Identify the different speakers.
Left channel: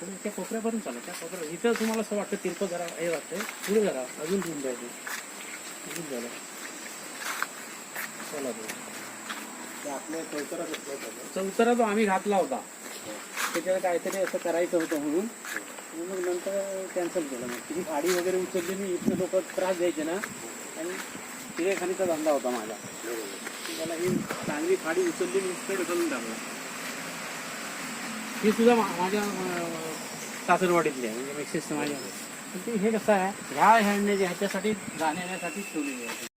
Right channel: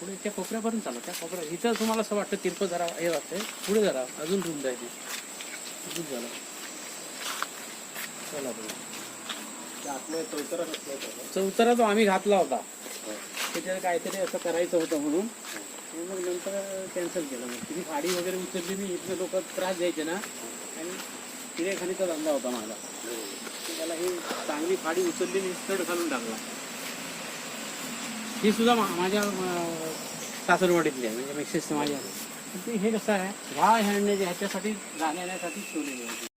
Speaker 1: थोडं त्या कोपऱ्यापर्यंत चालू त्या कोपऱ्या इथं तुम्हाला असं वाटतं तिरपं जरा हे वाटतंय. पुढे जरा अजून रुंद आहे अजून. झालं चला बघा
Speaker 2: आपलं चौतरा
Speaker 1: तो आम्ही घातला होता. त्याच्यात काहीतरी असं करायचं होतं म्हणून. मग नंतर कॅन्सल केलं मग. तिथे गाडी वगैरे उचलली मी इथले लोक त्रास द्यायचे ना. आणि तिरेखालीचा धंदा होता माझा. त्याला ही चांगली फाडी उचलली मी चढ घालून टाकला. ही सुद्धा माझ्या शासन वाढीतली आहे म्हणजे मिक्स इस्तेमाल हे। कसं आहे ह्या ह्यांनी जे ह्याच्यासाठी जाण्यासाठी ठेवलेली आहे